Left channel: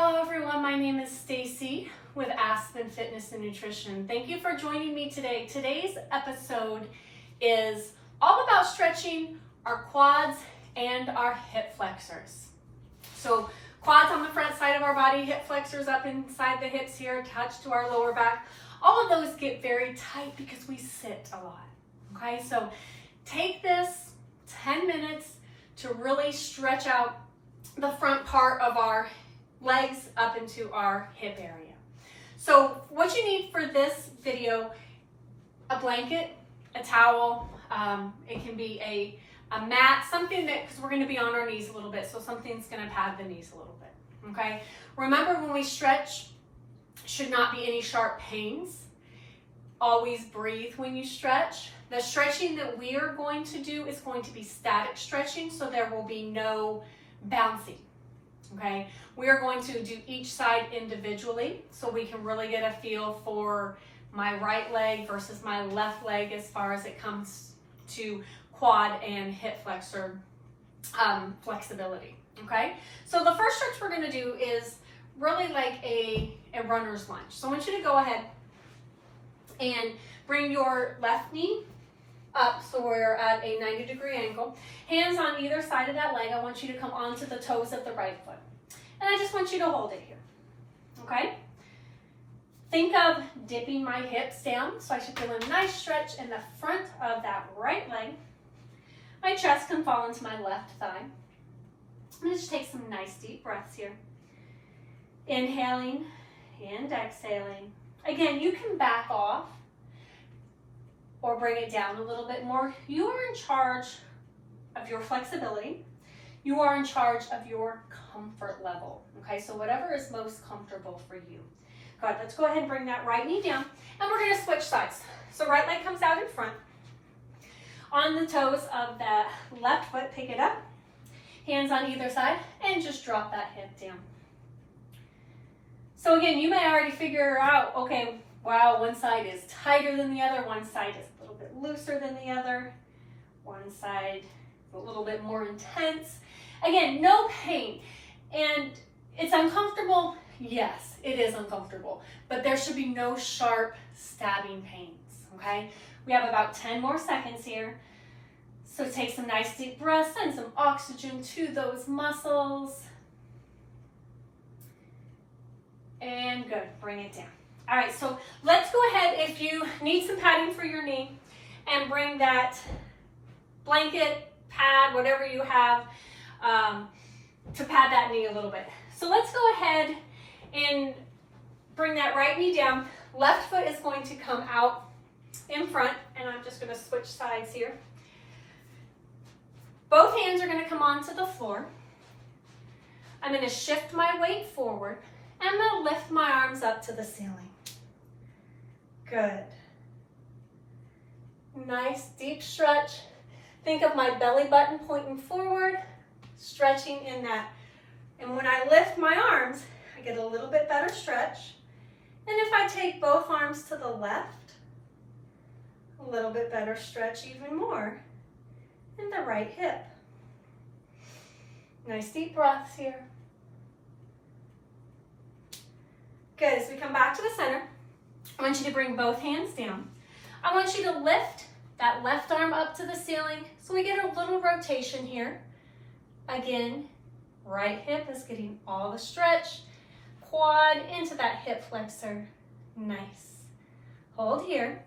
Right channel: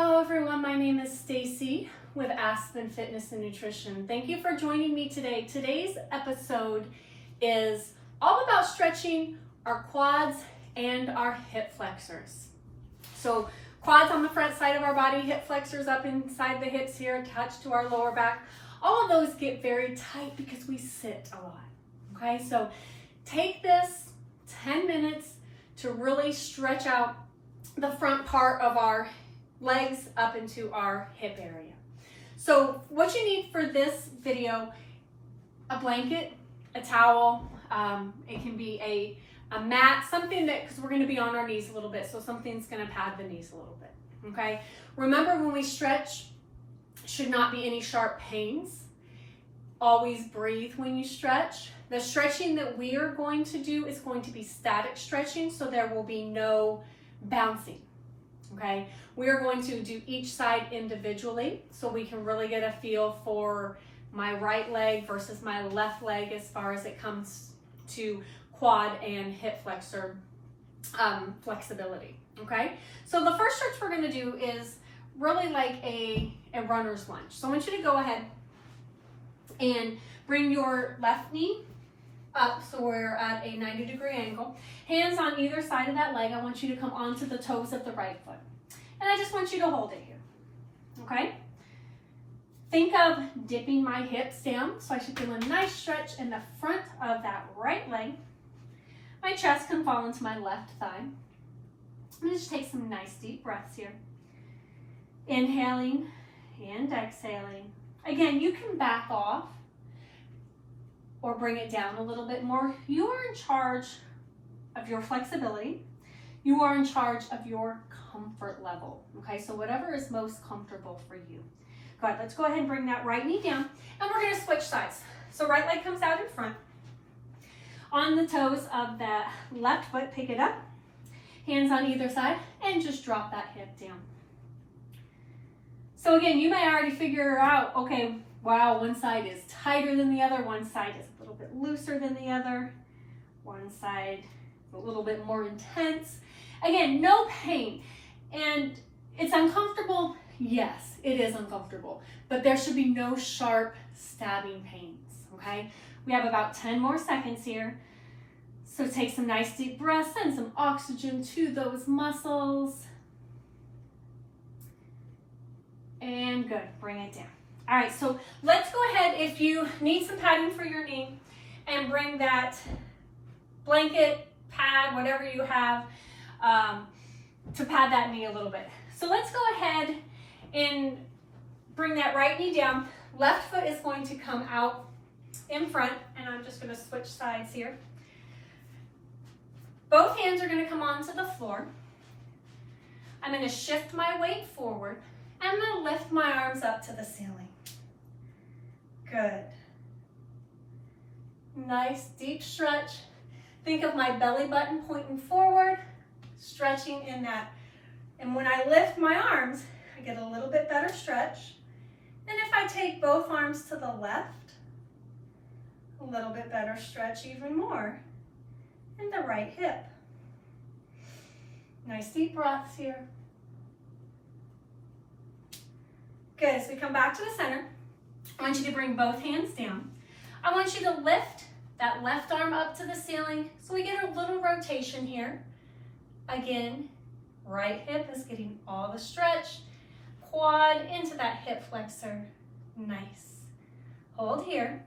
Hello everyone, my name is Stacie with Aspen Fitness and Nutrition. Thank you for joining me today. Today's episode is all about stretching our quads and our hip flexors. So quads on the front side of our body, hip flexors up inside the hips here, attached to our lower back. All of those get very tight because we sit a lot. Okay, so take this 10 minutes to really stretch out the front part of our legs up into our hip area. So what you need for this video, a blanket, a towel, it can be a mat, something that, because we're going to be on our knees a little bit, so something's going to pad the knees a little bit, okay? Remember, when we stretch, should not be any sharp pains. Always breathe when you stretch. The stretching that we are going to do is going to be static stretching, so there will be no bouncing. Okay, we are going to do each side individually so we can really get a feel for my right leg versus my left leg as far as it comes to quad and hip flexor flexibility. Okay, so the first stretch we're going to do is really like a runner's lunge. So I want you to go ahead and bring your left knee up, so we're at a 90-degree angle. Hands on either side of that leg. I want you to come onto the toes of the right foot. And I just want you to hold it here, okay? Think of dipping my hips down, so I should feel a nice stretch in the front of that right leg. My chest can fall into my left thigh. I'm just take some nice deep breaths here. Inhaling and exhaling. Again, you can back off or bring it down a little bit more. You are in charge of your flexibility. You are in charge of your comfort level, okay? So whatever is most comfortable for you. Good, let's go ahead and bring that right knee down, and we're gonna switch sides. So right leg comes out in front. On the toes of that left foot, pick it up. Hands on either side, and just drop that hip down. So again, you may already figure out, okay, wow, one side is tighter than the other, one side is a little bit looser than the other, one side is a little bit more intense. Again, no pain. And it's uncomfortable. Yes, it is uncomfortable, but there should be no sharp stabbing pains, okay? We have about 10 more seconds here. So take some nice deep breaths, send some oxygen to those muscles. And good, bring it down. All right, so let's go ahead, if you need some padding for your knee, and bring that blanket, pad, whatever you have, to pad that knee a little bit. So let's go ahead and bring that right knee down. Left foot is going to come out in front, and I'm just going to switch sides here. Both hands are going to come onto the floor. I'm going to shift my weight forward. I'm going to lift my arms up to the ceiling. Good. Nice deep stretch. Think of my belly button pointing forward, stretching in that. And when I lift my arms, I get a little bit better stretch. And if I take both arms to the left, a little bit better stretch even more in the right hip. Nice deep breaths here. Good, as we come back to the center, I want you to bring both hands down. I want you to lift that left arm up to the ceiling so we get a little rotation here. Again, right hip is getting all the stretch. Quad into that hip flexor. Nice. Hold here.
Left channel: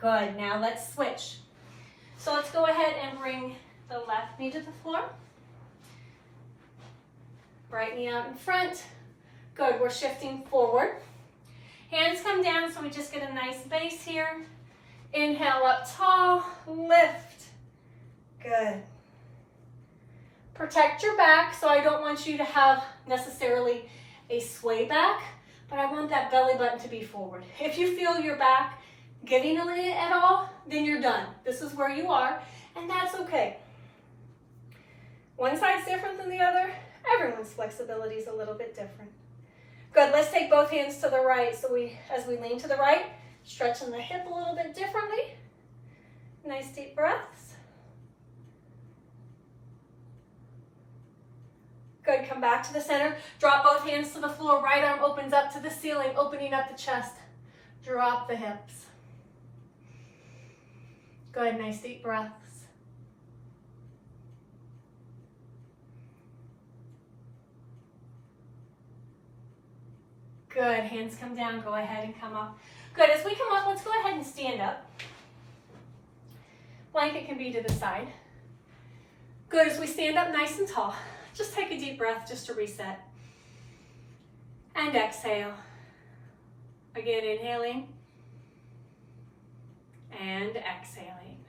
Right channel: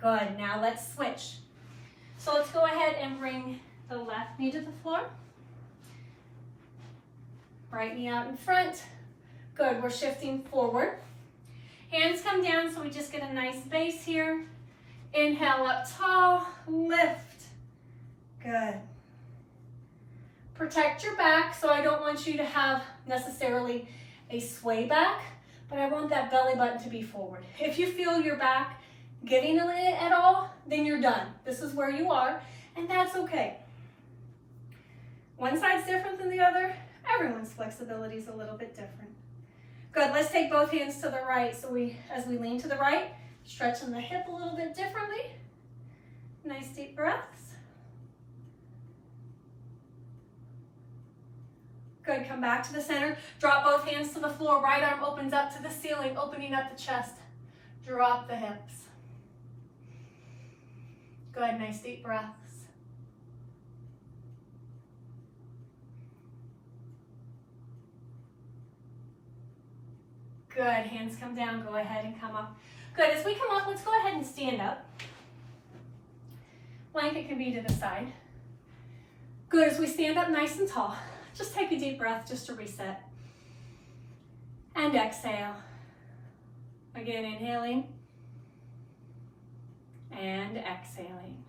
Good, now let's switch. So let's go ahead and bring the left knee to the floor. Right knee out in front. Good, we're shifting forward. Hands come down so we just get a nice base here. Inhale up tall, lift. Good. Protect your back, so I don't want you to have necessarily a sway back, but I want that belly button to be forward. If you feel your back giving it at all, then you're done. This is where you are, and that's okay. One side's different than the other. Everyone's flexibility is a little bit different. Good, let's take both hands to the right. So as we lean to the right, stretching the hip a little bit differently. Nice deep breaths. Good, come back to the center. Drop both hands to the floor. Right arm opens up to the ceiling, opening up the chest. Drop the hips. Good, nice deep breaths. Good, hands come down, go ahead and come up. Good, as we come up, let's go ahead and stand up. Blanket can be to the side. Good, as we stand up nice and tall, just take a deep breath just to reset. And exhale. Again, inhaling. And exhaling.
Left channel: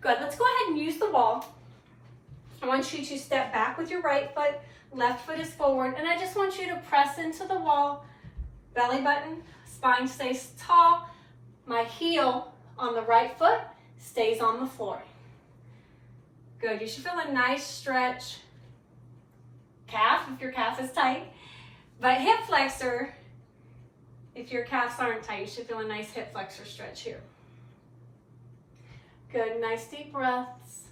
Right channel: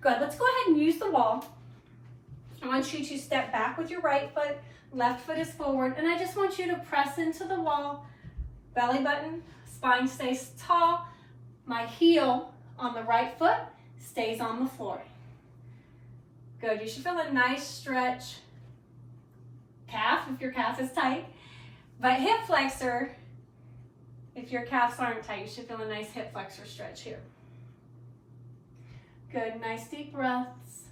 Good, let's go ahead and use the wall. I want you to step back with your right foot, left foot is forward, and I just want you to press into the wall, belly button, spine stays tall, my heel on the right foot stays on the floor. Good, you should feel a nice stretch, calf if your calf is tight, but hip flexor, if your calves aren't tight, you should feel a nice hip flexor stretch here. Good, nice deep breaths.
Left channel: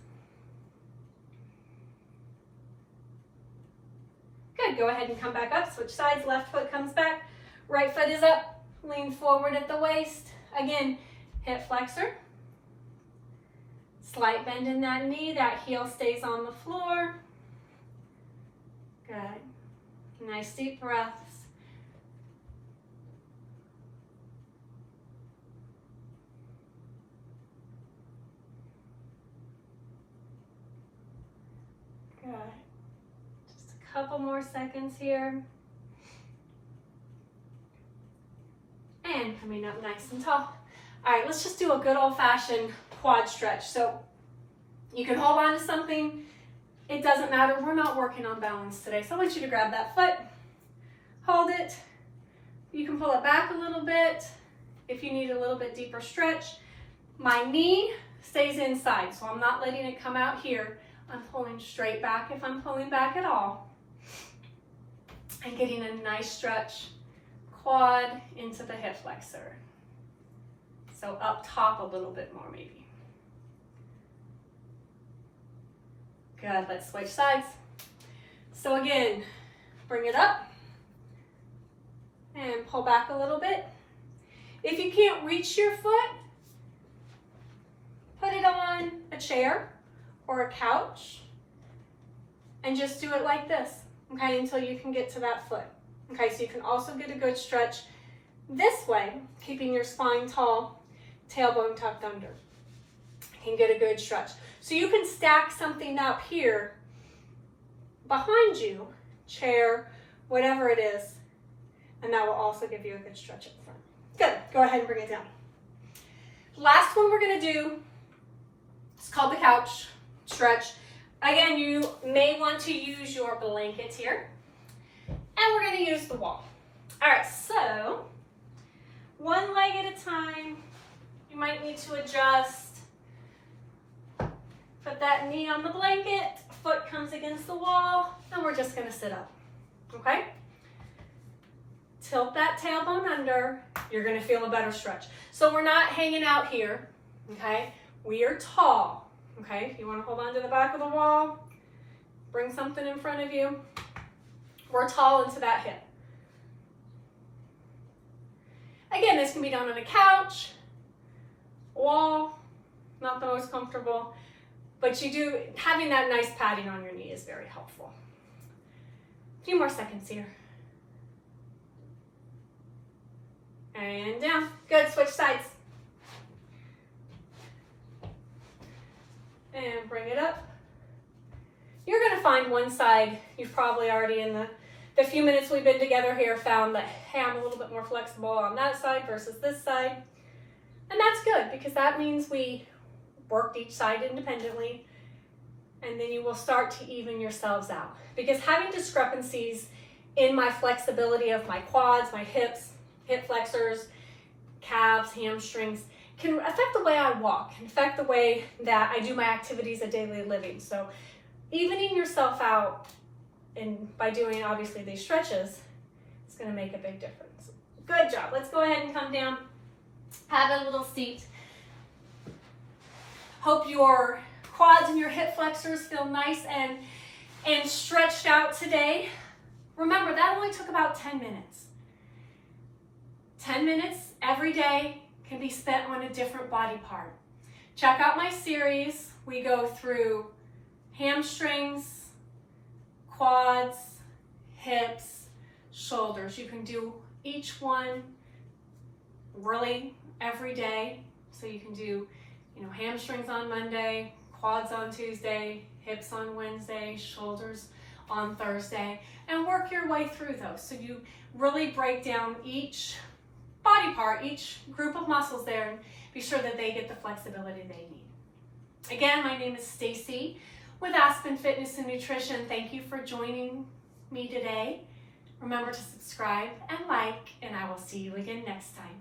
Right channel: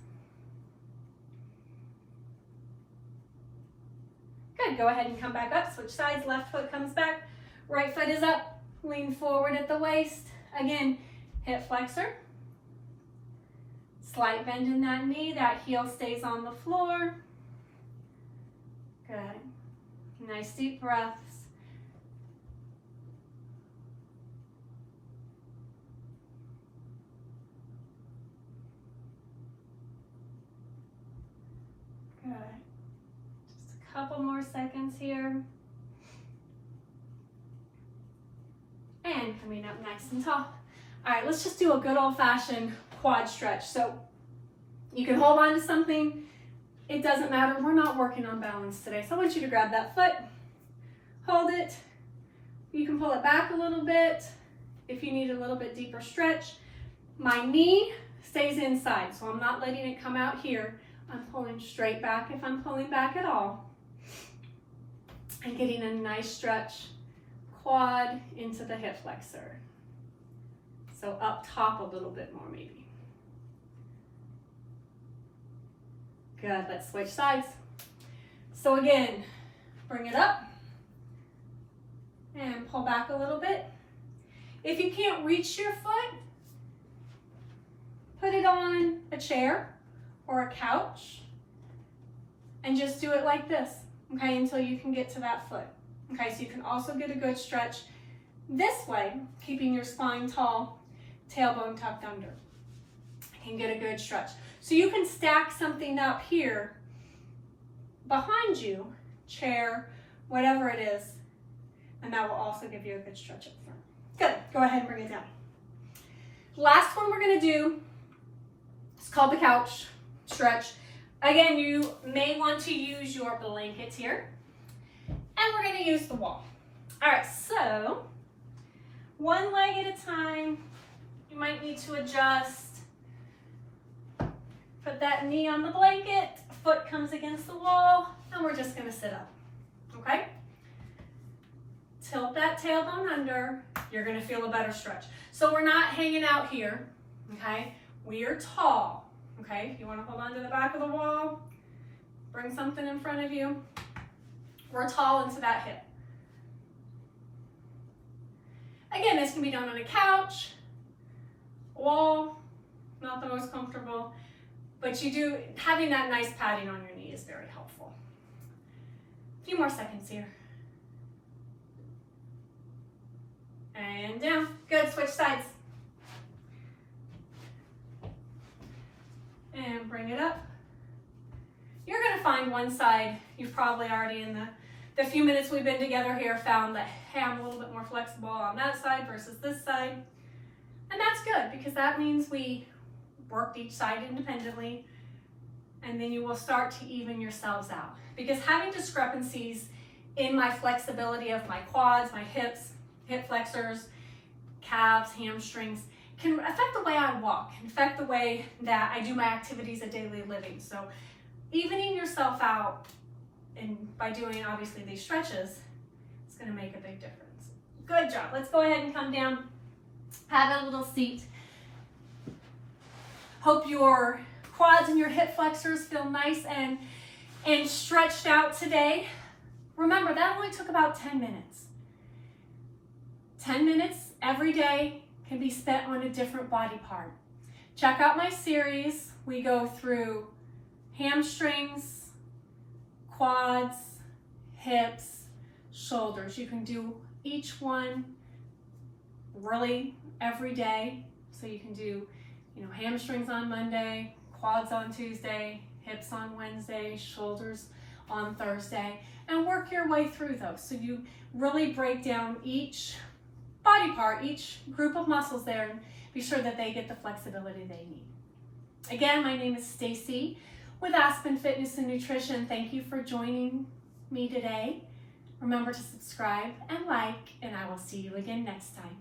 Good, go ahead and come back up, switch sides, left foot comes back, right foot is up, lean forward at the waist. Again, hip flexor. Slight bend in that knee, that heel stays on the floor. Good, nice deep breaths. Good. Just a couple more seconds here. And coming up nice and tall. All right, let's just do a good old-fashioned quad stretch. So you can hold on to something. It doesn't matter. We're not working on balance today. So I want you to grab that foot, hold it. You can pull it back a little bit if you need a little bit deeper stretch. My knee stays inside, so I'm not letting it come out here. I'm pulling straight back if I'm pulling back at all. And getting a nice stretch, quad into the hip flexor. So up top a little bit more maybe. Good, let's switch sides. So again, bring it up and pull back a little bit. If you can't reach your foot, put it on a chair or a couch and just do it like this, okay, until you can get to that foot. Okay, so you can also get a good stretch this way, keeping your spine tall, tailbone tucked under. You can get a good stretch. So you can stack something up here behind you, chair, whatever it is, and that will also give you a good stretch up front. Good, go ahead and bring it down. Last one we're gonna do, it's called the couch stretch. Again, you may want to use your blanket here, and we're gonna use the wall. All right, so one leg at a time. You might need to adjust. Put that knee on the blanket, foot comes against the wall, and we're just gonna sit up, okay? Tilt that tailbone under, you're gonna feel a better stretch. So we're not hanging out here, okay? We are tall, okay? If you wanna hold on to the back of the wall, bring something in front of you. We're tall into that hip. Again, this can be done on a couch, wall, not the most comfortable, but having that nice padding on your knee is very helpful. A few more seconds here. And down, good, switch sides. And bring it up. You're gonna find one side, you've probably already in the few minutes we've been together here found that, hey, I'm a little bit more flexible on that side versus this side. And that's good because that means we worked each side independently, and then you will start to even yourselves out. Because having discrepancies in my flexibility of my quads, my hips, hip flexors, calves, hamstrings, can affect the way I walk, can affect the way that I do my activities of daily living. So evening yourself out, and by doing obviously these stretches, it's gonna make a big difference. Good job, let's go ahead and come down, have a little seat. Hope your quads and your hip flexors feel nice and and stretched out today. Remember, that only took about 10 minutes. 10 minutes every day can be spent on a different body part. Check out my series. We go through hamstrings, quads, hips, shoulders. You can do each one really every day. So you can do, hamstrings on Monday, quads on Tuesday, hips on Wednesday, shoulders on Thursday, and work your way through those. So you really break down each body part, each group of muscles there, and be sure that they get the flexibility they need. Again, my name is Stacie with Aspen Fitness and Nutrition. Thank you for joining me today. Remember to subscribe and like, and I will see you again next time.